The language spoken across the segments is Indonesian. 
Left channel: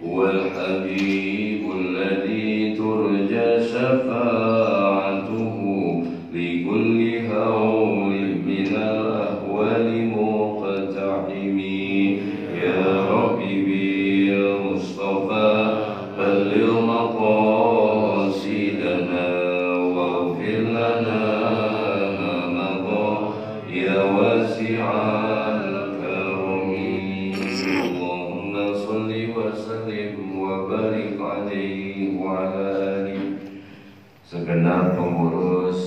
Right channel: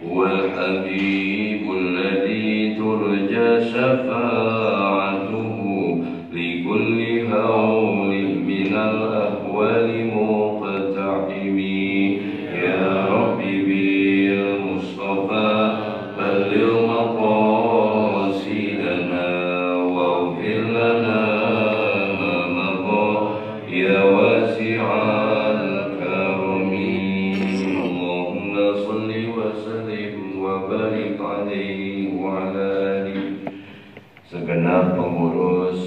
هو الحبيب الذي ترجى شفاعته لكل هول من الأهوال مقتحم. يا ربي بالمصطفى بلغ مقاصدنا واغفر لنا ما مضى يا واسع الكرم. اللهم صل وسلم وبارك عليه وعلى آله. Segenap pengurus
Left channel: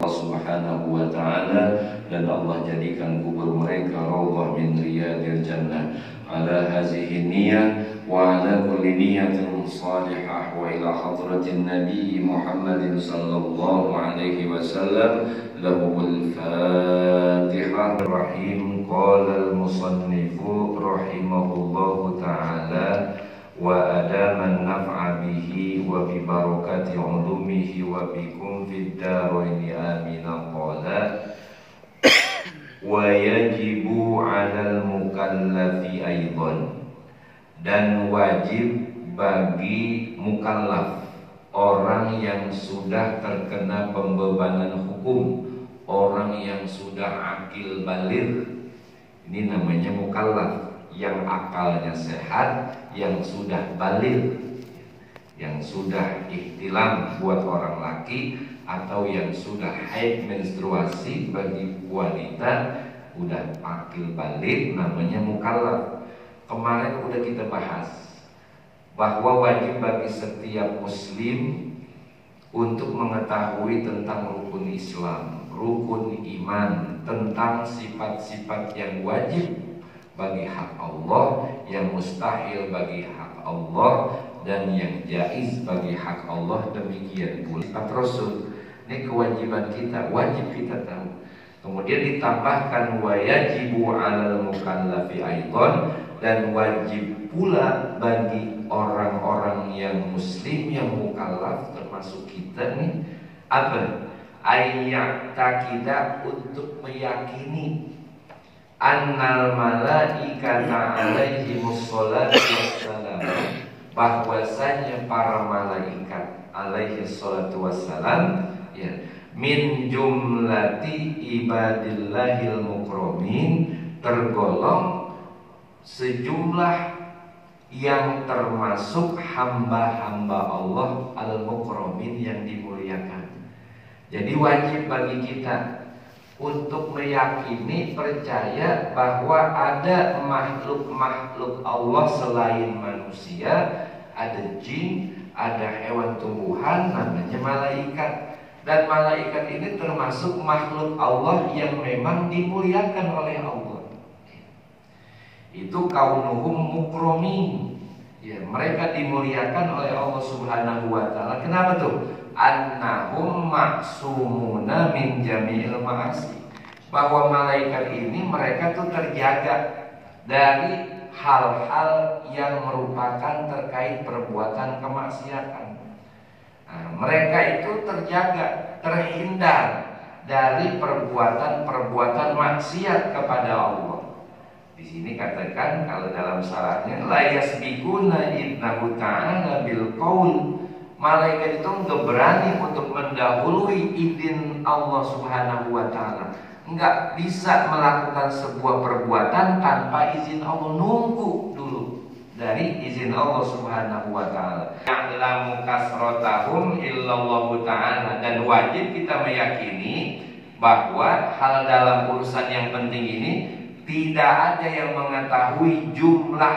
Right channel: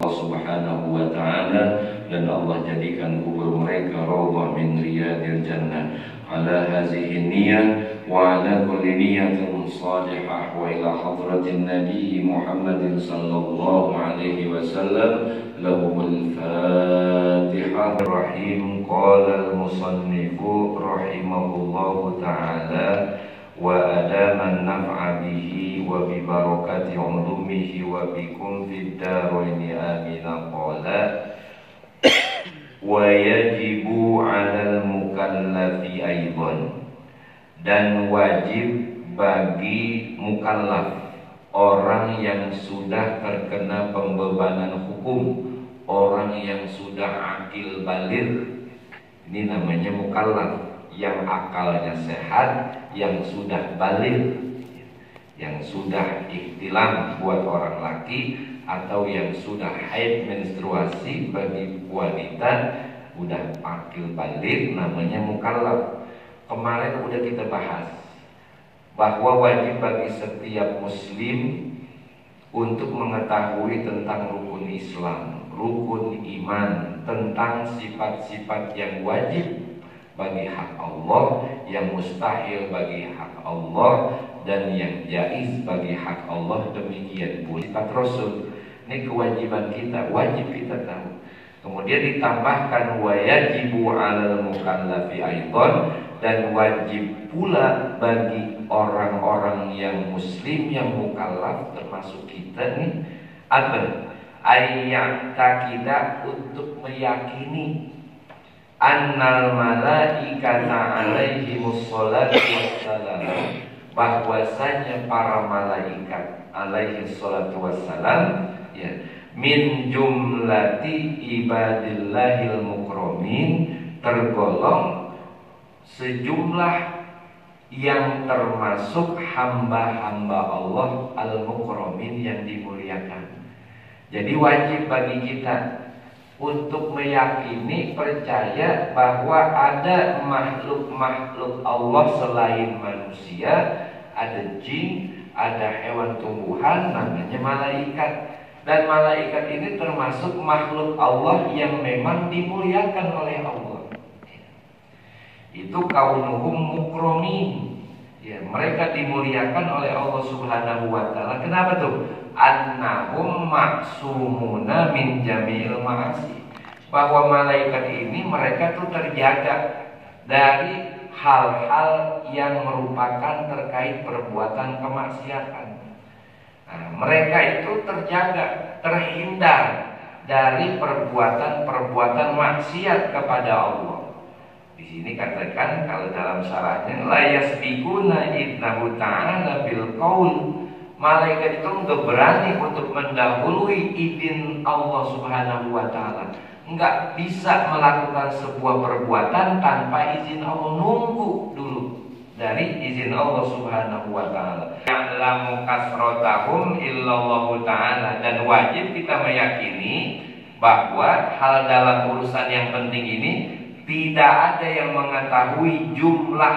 Allah Subhanahu wa Ta'ala, dan Allah jadikan kubur mereka raudhah min riyadil jannah. Ala hazihi niyah wa ala kulli niyatin salihah wa ila hadratin Nabi Muhammadin sallallahu alaihi wasallam. Lahumul Fatihah. Rahim. Qala al-musannifu rahimahullahu ta'ala wa adama an-naf'a bihi wa bi barakati ulumihi wa bikum fid daraini amin. Qala wa yajibu 'alal mukallafi aidan, dan wajib bagi mukallaf, orang yang sudah terkena pembebanan hukum, orang yang sudah akil baligh. Ini namanya mukallaf, yang akalnya sehat, yang sudah baligh, yang sudah ihtilam buat orang laki, atau yang sudah haid menstruasi bagi wanita, udah akil baligh, namanya mukallaf. Kemarin udah kita bahas bahwa wajib bagi setiap muslim untuk mengetahui tentang rukun Islam, rukun iman, tentang sifat-sifat yang wajib bagi hak Allah, yang mustahil bagi hak Allah, dan yang jaiz bagi hak Allah. Demikian pula sifat Rasul. Ini kewajiban kita, wajib kita tahu. Kemudian ditambahkan wa yajibu 'alal mukallafi aidan, dan wajib pula bagi orang-orang yang muslim, yang mukallaf, termasuk kita nih, apa? Ayya'taqida, untuk meyakini annal malaikata alaihimus sholatu wassalam, bahwasanya para malaikat alaihi salatu wassalam, ya, min jumlati ibadillahil mukramin, tergolong sejumlah yang termasuk hamba-hamba Allah al-mukramin, yang dimuliakan. Jadi wajib bagi kita untuk meyakini, percaya bahwa ada makhluk-makhluk Allah selain manusia, ada jin, ada hewan tumbuhan, namanya malaikat. Dan malaikat ini termasuk makhluk Allah yang memang dimuliakan oleh Allah. Itu kaunuhum mukramin, ya, mereka dimuliakan oleh Allah Subhanahu wa Ta'ala. Kenapa tuh? Annahum maksumuna min jami'il ma'asi, bahwa malaikat ini mereka tuh terjaga dari hal-hal yang merupakan terkait perbuatan kemaksiatan. Nah, mereka itu terjaga, terhindar dari perbuatan-perbuatan maksiat kepada Allah. Di sini katakan, kalau dalam syarahnya, la yasbiquna idnahu ta'ala bil qaul, malaikat itu enggak berani untuk mendahului izin Allah Subhanahu wa Ta'ala. Enggak bisa melakukan sebuah perbuatan tanpa izin Allah, nunggu dulu dari izin Allah Subhanahu wa Ta'ala. Ya'lamu kasratahum illallahu ta'ala, dan wajib kita meyakini bahwa hal dalam urusan yang penting ini tidak ada yang mengetahui jumlah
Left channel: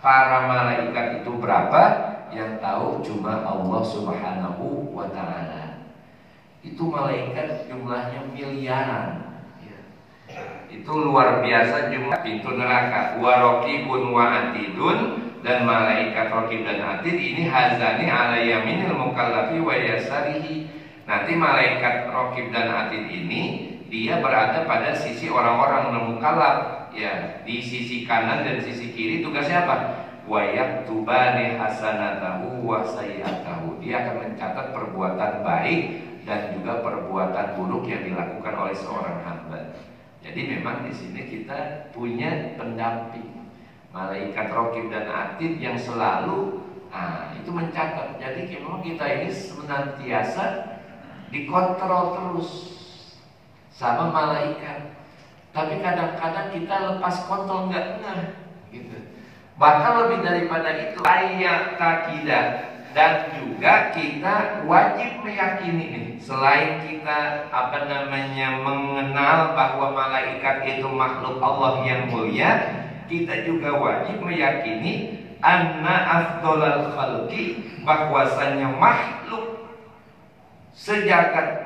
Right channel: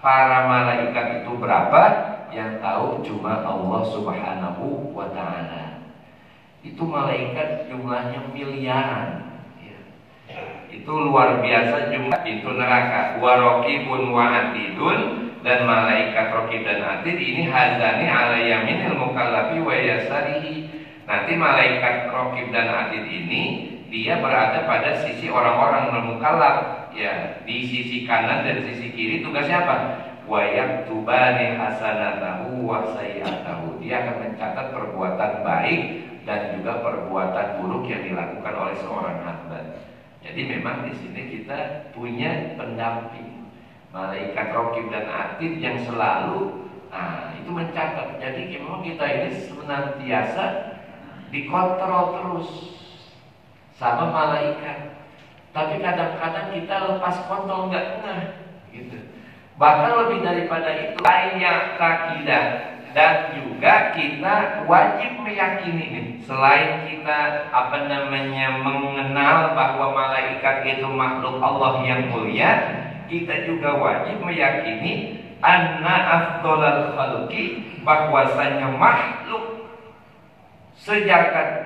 para malaikat itu berapa. Yang tahu cuma Allah Subhanahu wa Ta'ala. Itu malaikat jumlahnya miliaran, ya. Itu luar biasa jumlah pintu neraka. Wa raqibun wa atidun, dan malaikat raqib dan atid ini hazani ala yaminil mukallafi wa yasarihi. Nanti malaikat raqib dan atid ini dia berada pada sisi orang-orang mukallaf, ya, di sisi kanan dan sisi kiri. Tugasnya apa? Wa yaktubani hasanatahu wa sayyi'atahu. Dia akan mencatat perbuatan baik dan juga perbuatan buruk yang dilakukan oleh seorang hamba. Jadi memang di sini kita punya pendamping. malaikat raqib dan atid yang selalu itu mencatat. Jadi memang kita ini senantiasa dikontrol terus sama malaikat. Tapi kadang-kadang kita lepas kontrol nggak ngeh gitu. Bahkan lebih daripada itu, ayat takidah, dan juga kita wajib meyakini nih, selain kita mengenal bahwa malaikat itu makhluk Allah yang mulia, kita juga wajib meyakini anna afdolal khalqi, bahwasanya makhluk sejagat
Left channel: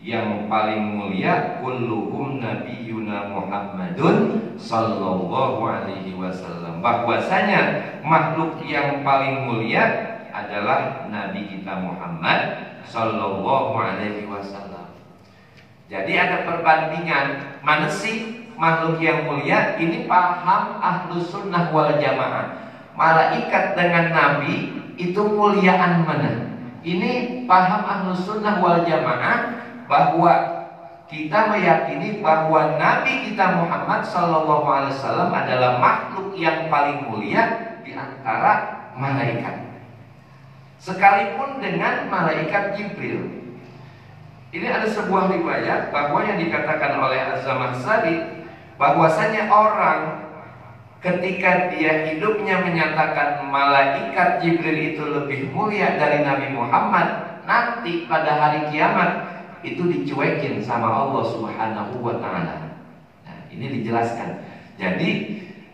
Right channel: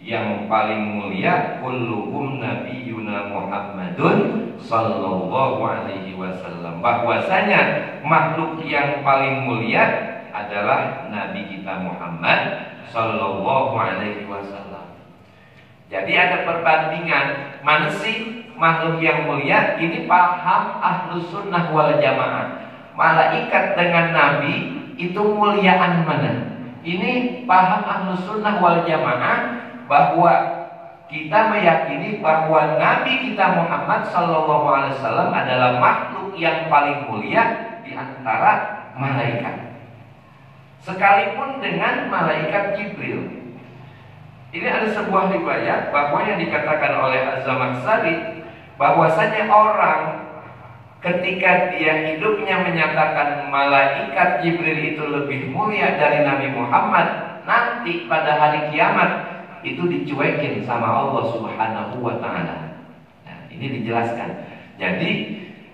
yang paling mulia kulluhum nabiyuna Muhammadun sallallahu alaihi wasallam, bahwasanya makhluk yang paling mulia adalah Nabi kita Muhammad sallallahu alaihi wasallam. Jadi ada perbandingan, mana sih makhluk yang mulia? Ini paham Ahlus Sunnah wal Jamaah. Malaikat dengan Nabi itu muliaan mana? Ini paham Ahlus Sunnah wal Jamaah, bahwa kita meyakini bahwa Nabi kita Muhammad sallallahu alaihi wasallam adalah makhluk yang paling mulia di antara malaikat. Sekalipun dengan malaikat Jibril. Ini ada sebuah riwayat bahwa yang dikatakan oleh Az-Zamakhsyari, bahwasanya orang ketika dia hidupnya menyatakan malaikat Jibril itu lebih mulia dari Nabi Muhammad, nanti pada hari kiamat itu dicuekin sama Allah Subhanahu wa Ta'ala. Nah, ini dijelaskan. Jadi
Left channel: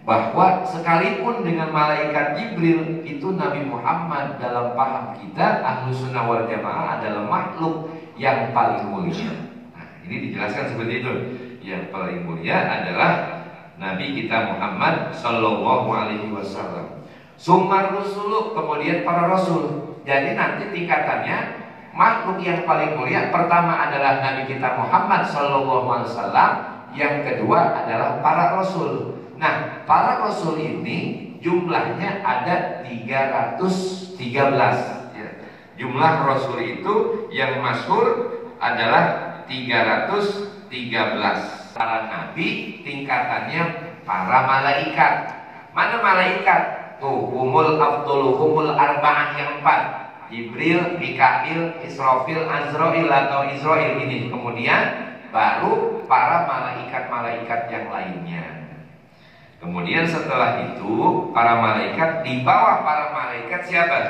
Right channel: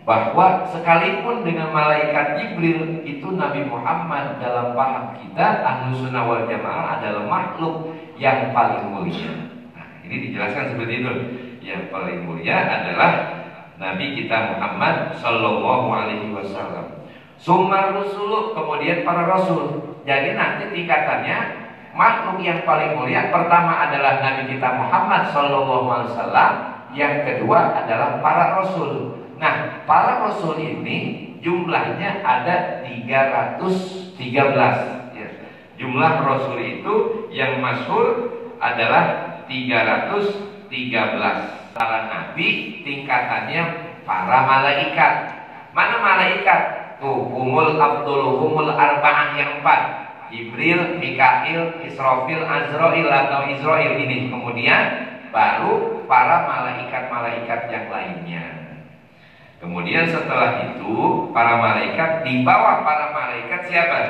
bahwa sekalipun dengan malaikat Jibril itu Nabi Muhammad dalam paham kita Ahlus Sunnah wal Jamaah adalah makhluk yang paling mulia. Nah, ini dijelaskan seperti itu. Yang paling mulia adalah Nabi kita Muhammad sallallahu alaihi wasallam. Summa rusulu, kemudian para rasul. Jadi nanti tingkatannya, makhluk yang paling mulia pertama adalah Nabi kita Muhammad sallallahu alaihi wasallam, yang kedua adalah para rasul. Nah, para rasul ini jumlahnya ada 313 ya. Jumlah rasul itu yang masyhur adalah 313. Para nabi tingkatannya para malaikat. Mana malaikat? Tuh, humul abdul arba'ah yang 4. Jibril, Mikail, Israfil, Azrail atau Israil ini. Kemudian baru para malaikat-malaikat yang lainnya. Kemudian setelah itu para malaikat, di bawah para malaikat siapa?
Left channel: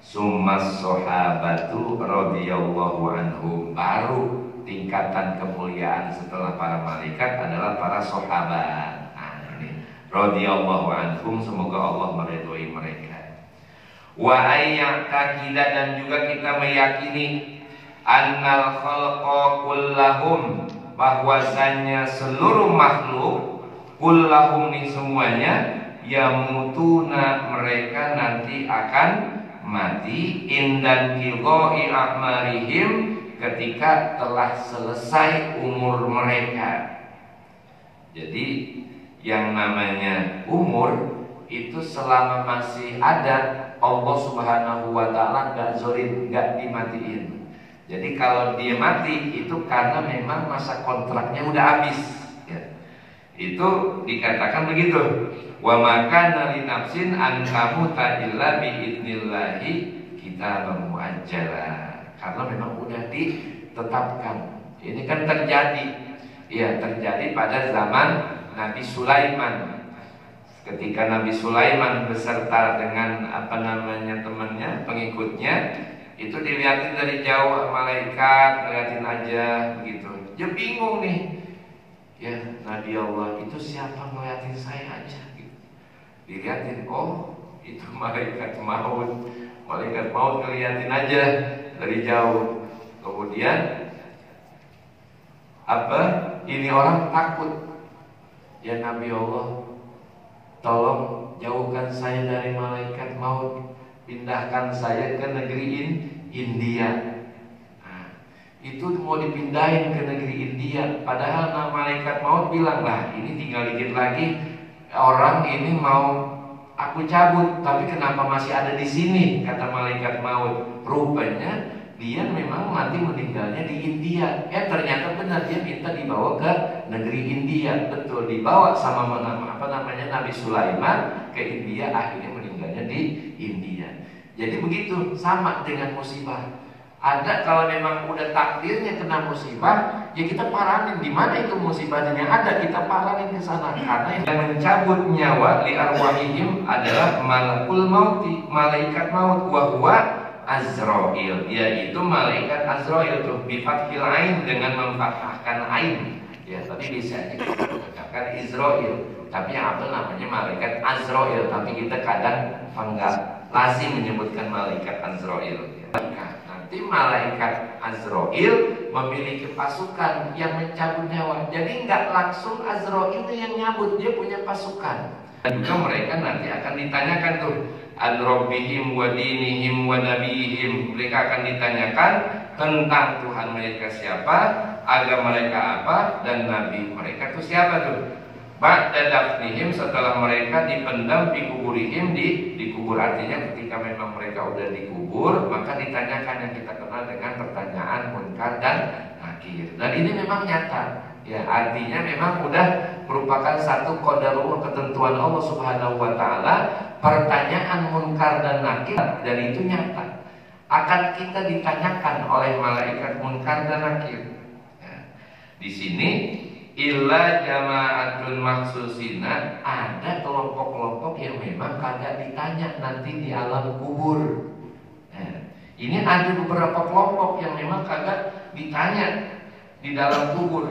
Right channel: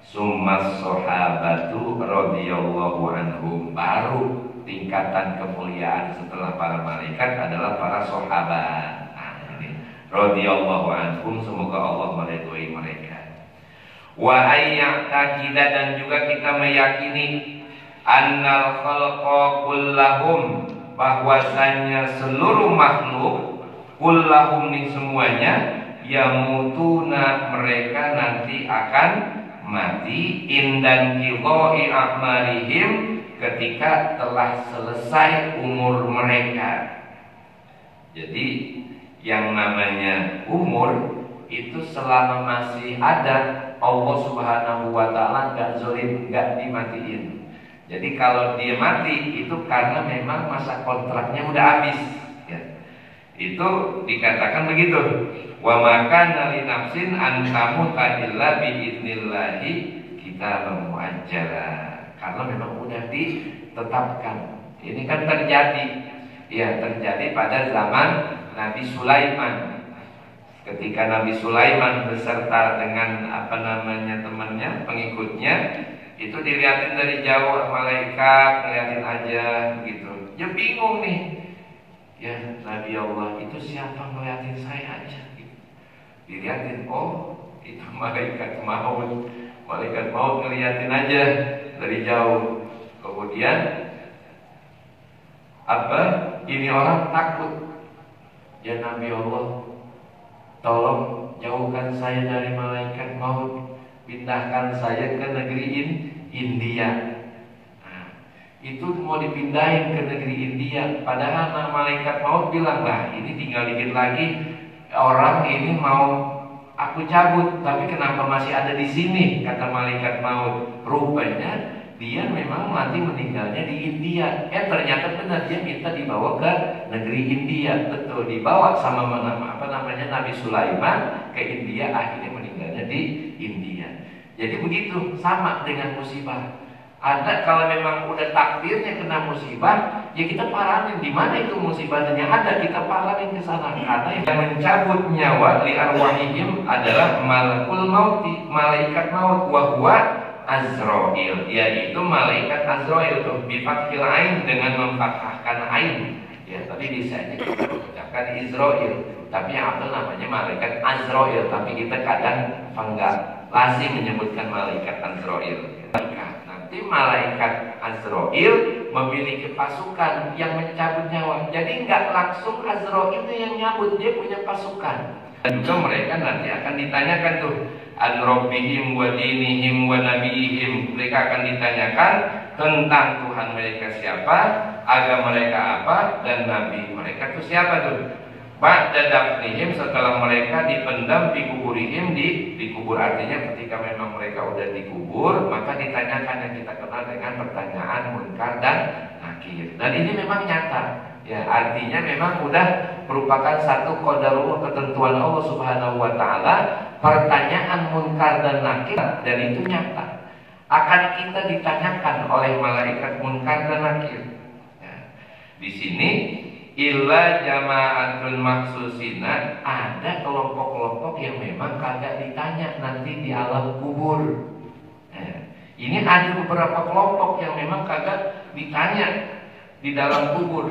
Summas sahabatu radhiyallahu anhum. Baru tingkatan kemuliaan setelah para malaikat adalah para sahabat. Nah, ini radhiyallahu anhum, semoga Allah meridhoi mereka. Wa ayyakida, dan juga kita meyakini annal khalqa kullahum, bahwasanya seluruh makhluk, kullahum ini semuanya, yamutuna, mereka nanti akan mati, indan qidai a'marihim, ketika telah selesai umur mereka. Jadi yang namanya umur itu selama masih ada, Allah Subhanahu wa Ta'ala gak zolim, gak dimatiin. Jadi kalau dia mati itu karena memang masa kontraknya udah habis ya. Itu dikatakan begitu. Wa makana li nafsin an tamuta illa bi idnillahi kitaban muajjala. Karena memang udah ditetapkan. Ini kan terjadi. Ya, terjadi pada zaman Nabi Sulaiman. Ketika Nabi Sulaiman beserta dengan temannya, pengikutnya, itu dilihatin dari jauh malaikat, ngeliatin aja begitu. Dia bingung nih. Ya, Nabi Allah itu siapa ngeliatin saya aja gitu. Dilihatin, oh itu malaikat maut. Malaikat maut ngeliatin aja dari jauh. Kemudian ini orang takut. Ya Nabi Allah, tolong jauhkan saya dari malaikat maut, pindahkan saya ke negeri India. Nah, itu mau dipindahin ke negeri India. Padahal malaikat maut bilang, lah ini tinggal dikit lagi orang ini mau aku cabut, tapi kenapa masih ada di sini? Kata malaikat maut. Rupanya dia memang nanti meninggalnya di India. Ternyata benar, dia minta dibawa ke negeri India, betul, dibawa sama Nabi Sulaiman ke India, akhirnya meninggalnya di India. Jadi begitu, sama dengan musibah. Ada kalau memang udah takdirnya kena musibah, ya kita paranin di mana itu musibahnya ada, kita paranin ke sana. Karena yang mencabut nyawa li arwahihim adalah malakul mauti, malaikat maut, wa huwa Azrail, yaitu malaikat Azrail tuh bifathil ain, dengan memfathahkan ain. Ya, tadi bisa dikatakan Israel, tapi yang apa namanya malaikat Azrail, tapi kita kadang enggak lazim menyebutkan malaikat Azrail. Nanti malaikat Azrail memiliki pasukan yang mencabut nyawa. Jadi nggak langsung Azrail itu yang nyabut, dia punya pasukan. Dan juga mereka nanti akan ditanyakan tuh an rabbihim wa dinihim wa nabihim. Mereka akan ditanyakan tentang Tuhan mereka siapa, agama mereka apa, dan nabi mereka itu siapa tuh. Ba'da dafnihim, setelah mereka dipendam di kuburihim, dikubur, artinya ketika memang mereka udah dikubur, maka ditanyakan yang kita kenal dengan pertanyaan munkar dan nakir. Dan ini memang nyata, ya, artinya memang udah merupakan satu qadarullah, ketentuan Allah Subhanahu wa taala. Pertanyaan munkar dan nakir, dan itu nyata akan kita ditanyakan oleh malaikat munkar dan nakir. Ya. Di sini illa jama'atun maksusina, ada kelompok-kelompok yang memang kagak ditanya nanti di alam kubur. Ini ada beberapa kelompok yang memang kagak ditanya di dalam kubur.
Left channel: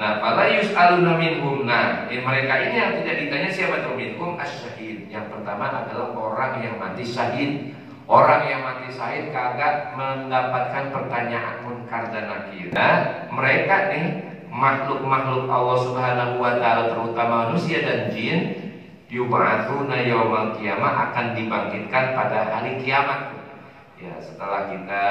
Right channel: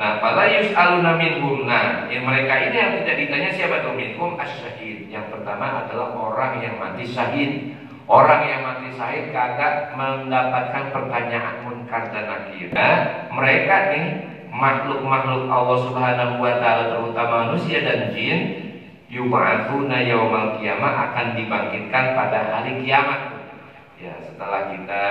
Nah, fala yus'aluna minhum. Nah, mereka ini yang tidak ditanya siapa tuh? Minhum asyahid. Yang pertama adalah orang yang mati syahid. Orang yang mati syahid kagak mendapatkan pertanyaan munkar dan nakir. Nah, mereka nih makhluk-makhluk Allah Subhanahu wa taala, terutama manusia dan jin, yub'atsuna yaumal qiyamah, akan dibangkitkan pada hari kiamat. Ya, setelah kita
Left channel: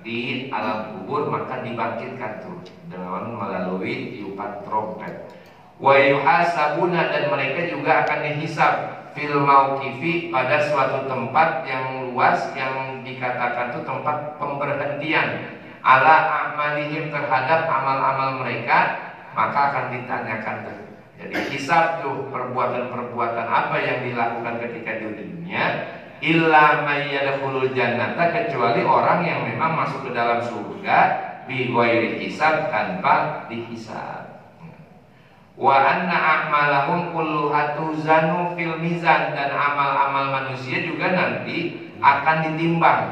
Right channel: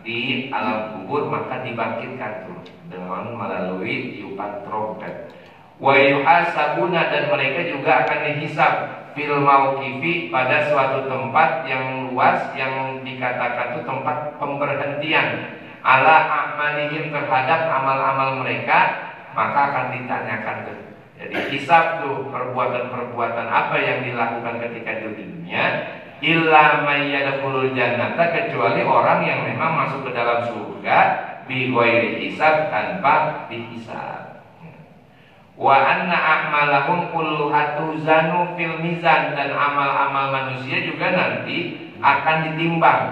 di alam kubur maka dibangkitkan tuh dengan melalui tiupan trompet. Wa yuhasabuna, dan mereka juga akan dihisab fil mauqifi, pada suatu tempat yang luas yang dikatakan tuh tempat pemberhentian, ala amalihim, terhadap amal-amal mereka, maka akan ditanyakan tuh. Jadi hisab tuh perbuatan-perbuatan apa yang dilakukan ketika di dunia. Illa may yadkhulul jannata, kecuali orang yang memang masuk ke dalam surga bi ghairi hisab, tanpa dihisab. Wa anna a'malahum kulluha tuzanu fil mizan, dan amal-amal manusia juga nanti akan ditimbang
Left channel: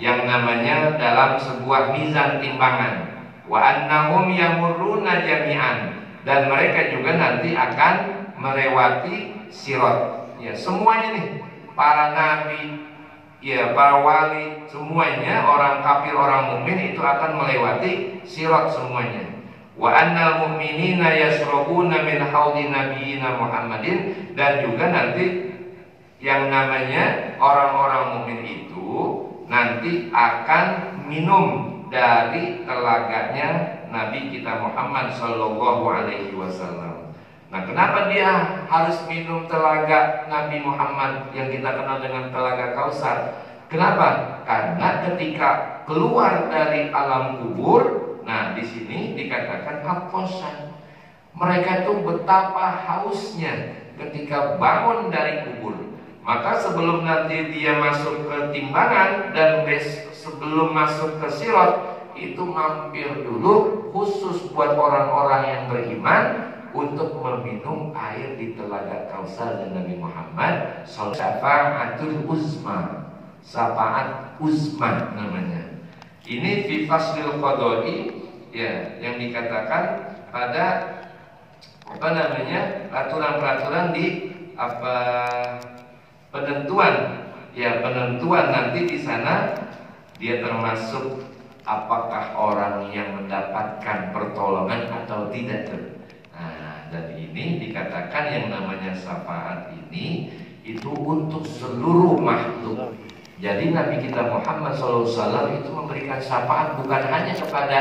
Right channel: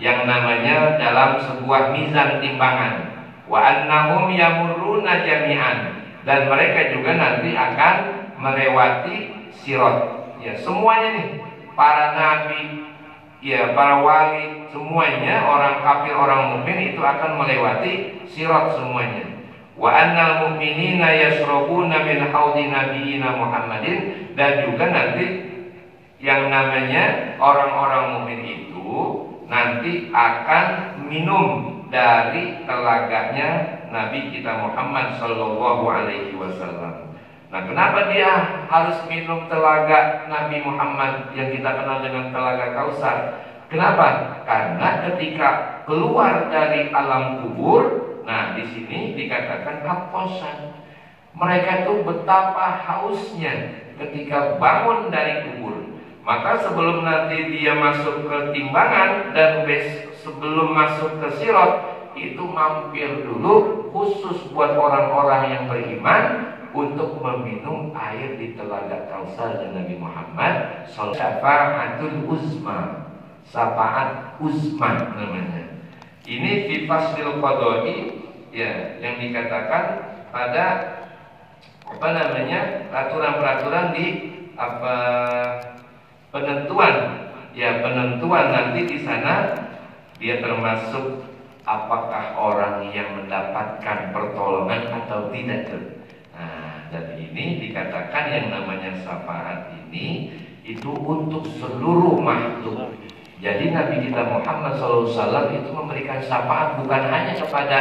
yang namanya dalam sebuah mizan timbangan. Wa annahum yamurruna jami'an, dan mereka juga nanti akan melewati sirat. Ya, semuanya nih, para nabi, ya, para wali, semuanya, orang kafir, orang mukmin itu akan melewati sirat semuanya. Wa annal mu'minina yashrabuna min haudi nabiyina Muhammadin, dan juga nanti yang namanya orang-orang mukmin itu nanti akan minum dari telaganya Nabi kita Muhammad sallallahu alaihi wasallam. Nah, kenapa dia harus minum telaga Nabi Muhammad yang kita kenal dengan telaga Kausar? Kenapa? Karena ketika keluar dari alam kubur, nah di sini dikatakan hakosan. Mereka itu betapa hausnya ketika bangun dari kubur. Maka sebelum nanti dia masuk ke timbangan dan sebelum masuk ke sirat, itu mampir dulu khusus buat orang-orang yang beriman untuk meminum air di telaga Kausar dan Nabi Muhammad. Syafa'atul uzma, syafaat uzma namanya. Ini fi faslil qada'i, ya, yang dikatakan pada apa namanya, peraturan-peraturan di apa penentuan, ya, penentuan nanti di sana dia termasuk apakah orang yang mendapatkan pertolongan atau tidak tuh. Nah, dan ini dikatakan yang namanya syafaat ini itu untuk seluruh makhluk. Jadi Nabi kita Muhammad SAW itu memberikan syafaat bukan hanya kepada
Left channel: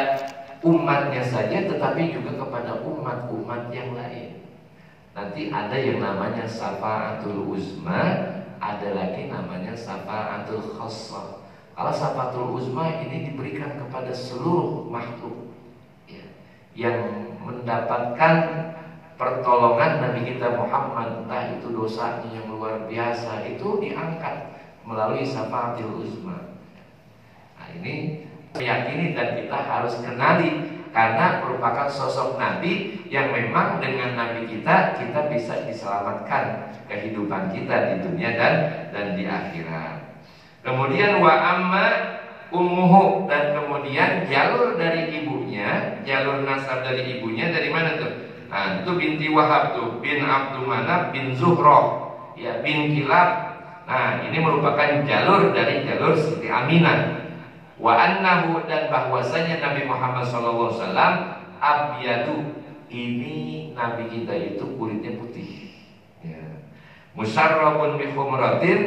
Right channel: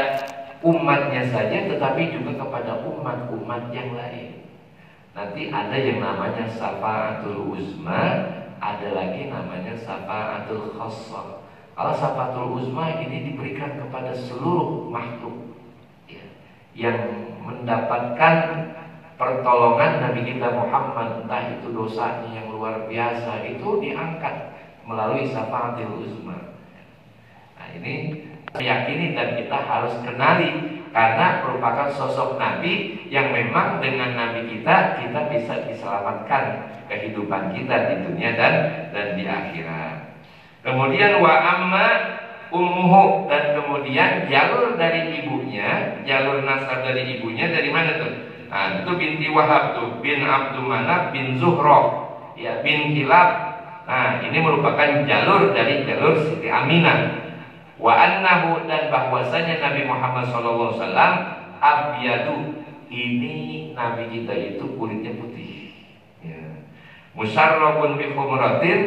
umatnya saja, tetapi juga kepada umat-umat yang lain. Nanti ada yang namanya syafaatul uzma, ada lagi namanya syafaatul khassah. Kalau syafaatul uzma ini diberikan kepada seluruh makhluk, ya, yang mendapatkan pertolongan Nabi kita Muhammad, entah itu dosanya yang luar biasa, itu diangkat melalui syafaatul uzma. Nah, ini meyakini dan kita harus kenali, karena merupakan sosok Nabi yang memang dengan Nabi kita bisa diselamatkan kehidupan kita di dunia dan di akhirat. Kemudian wa amma ummuhu, dan kemudian jalur dari ibunya, jalur nasab dari ibunya dari mana tuh? Nah, itu binti Wahab tuh, bin Abdul Manaf bin Zuhroh, ya, bin Kilab. Nah, ini merupakan jalur dari jalur Siti Aminah. Wa annahu, dan bahwasanya Nabi Muhammad SAW abyadu, ini Nabi kita itu kulitnya putih, ya. Musarrabun bi khumratin,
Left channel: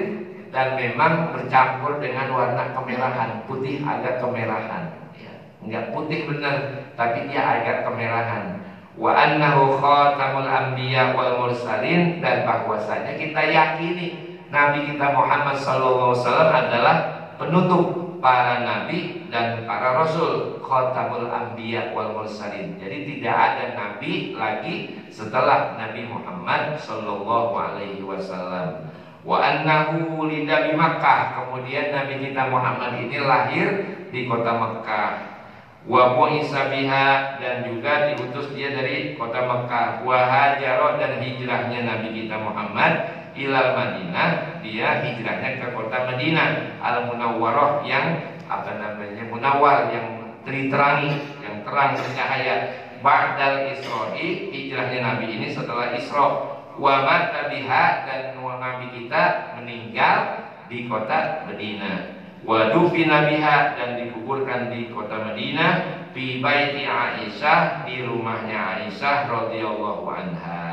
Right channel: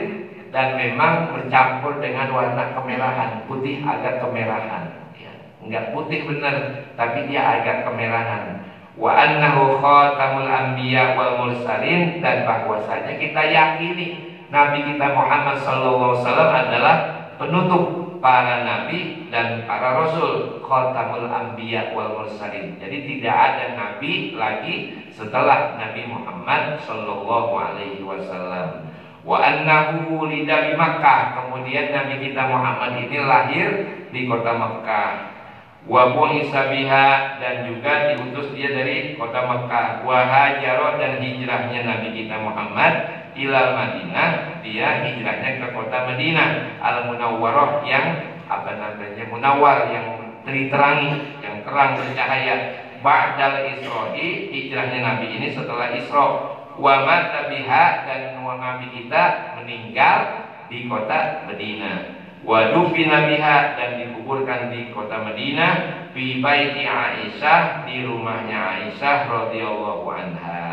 dan memang bercampur dengan warna kemerahan, putih agak kemerahan, ya. Enggak putih benar, tapi dia agak kemerahan. Wa annahu khatamul anbiya wal mursalin, dan bahwasanya kita yakini Nabi kita Muhammad SAW adalah penutup para nabi dan para rasul, khatamul anbiya wal mursalin. Jadi tidak ada nabi lagi setelah Nabi Muhammad sallallahu alaihi wasallam. Wa annahu wulida di Makkah, kemudian Nabi kita Muhammad ini lahir di kota Makkah. Wa bu'isa biha, dan juga diutus dia dari kota Makkah. Wa hajara, dan hijrahnya Nabi kita Muhammad ilal Madinah, dia hijrahnya ke kota Madinah al munawwarah, yang munawwar, yang terangi, yang terang bercahaya. Ba'dal Isra'i, hijrahnya Nabi ini setelah Isra. Wa mata biha, dan Nabi kita meninggal di kota Madinah. Wa dufina biha, dan dikuburkan di kota Madinah. Fi baiti Aisyah, di rumahnya Aisyah radhiyallahu anha.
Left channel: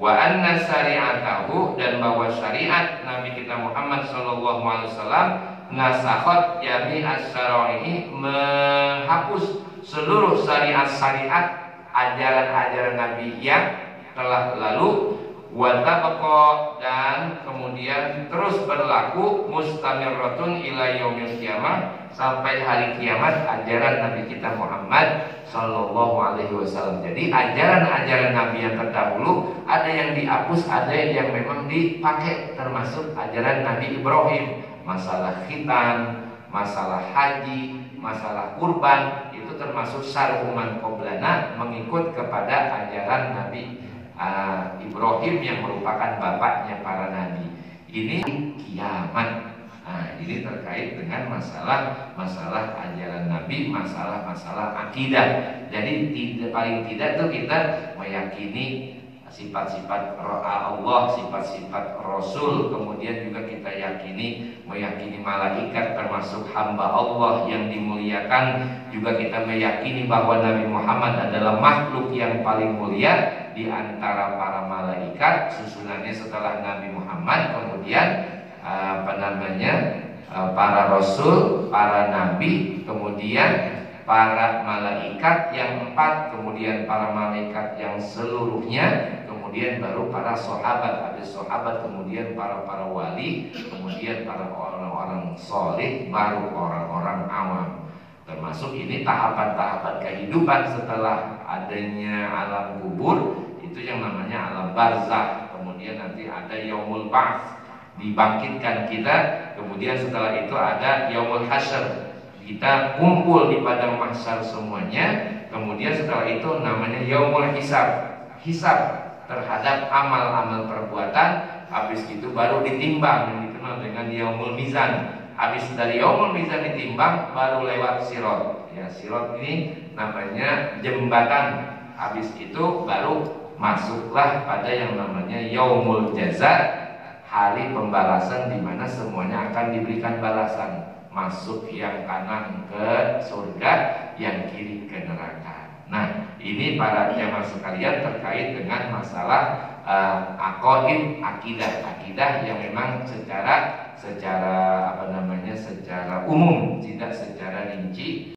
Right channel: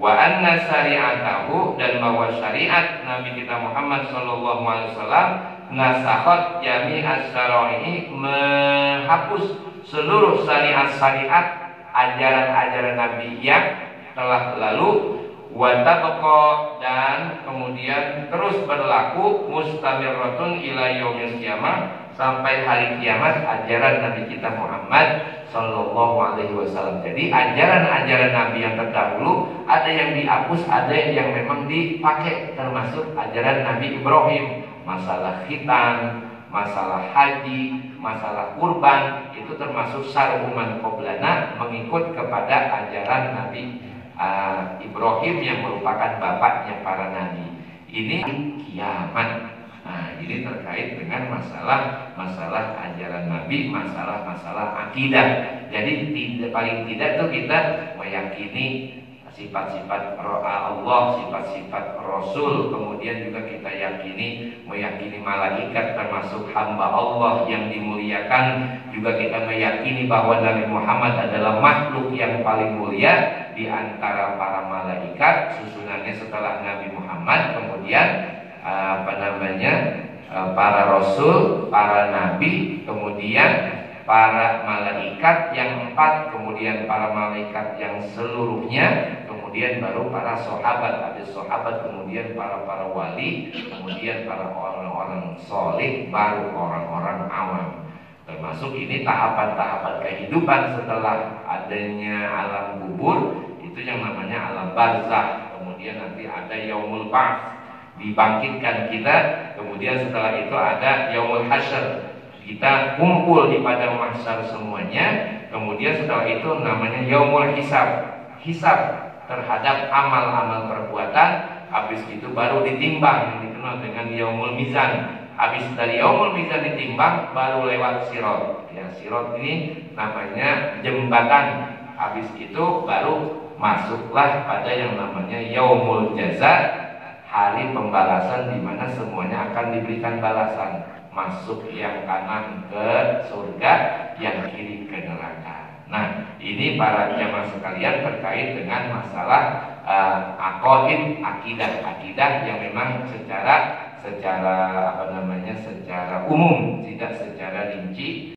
Wa anna syari'atahu, dan bahwa syariat Nabi kita Muhammad sallallahu alaihi wasallam nasakhat jami'as syara'i, menghapus seluruh syariat-syariat ajaran-ajaran Nabi yang telah lalu. Wa tabqa, dan kemudian terus berlaku, mustamirratun ila yaumil qiyamah, sampai hari kiamat ajaran Nabi kita Muhammad sallallahu alaihi wasallam. Jadi ajaran-ajaran Nabi yang terdahulu ada yang dihapus, ada yang memang dipakai, termasuk ajaran Nabi Ibrahim, masalah khitan, masalah haji, masalah kurban, itu termasuk syar'uman qoblana, mengikut kepada ajaran Nabi Ibrahim yang merupakan bapaknya para nabi. Ini kiamat. Nah, ini terkait dengan masalah ajaran Nabi, masalah akidah. Jadi paling tidak tuh kita meyakini sifat-sifat Allah, sifat-sifat Rasul. Kemudian juga kita meyakini malaikat termasuk hamba Allah yang dimuliakan. Juga kita meyakini bahwa Nabi Muhammad adalah makhluk yang paling mulia di antara para malaikat, susunannya setelah Nabi Muhammad, kemudian para rasul, para nabi, kemudian para malaikat yang 4, kemudian para malaikat yang seluruhnya, kemudian baru para sahabat, habis sahabat kemudian para wali, kemudian para orang-orang soleh, baru orang-orang awam. Termasuk ini tahapan-tahapan kehidupan setelah adanya alam kubur, itu yang namanya alam barzakh. Kemudian nanti ada yaumul ba'ts, dibangkitkan kita. Kemudian setelah itu ada yaumul hasyr, kita kumpul di padang mahsyar semuanya. Kemudian setelah itu namanya yaumul hisab, hisab terhadap amal-amal perbuatan. Habis itu baru ditimbang, yang dikenal dengan yaumul mizan. Habis dari yaumul mizan ditimbang, baru lewat sirat. Ya, sirat ini namanya jembatan. Habis itu baru masuklah pada yang namanya yaumul jaza, hari pembalasan, di mana semuanya akan diberikan balasan. Masuk yang kanan ke surga, yang kiri ke neraka. Nah, ini para jemaah sekalian terkait dengan masalah aqaid, akidah yang memang secara umum, tidak secara rinci.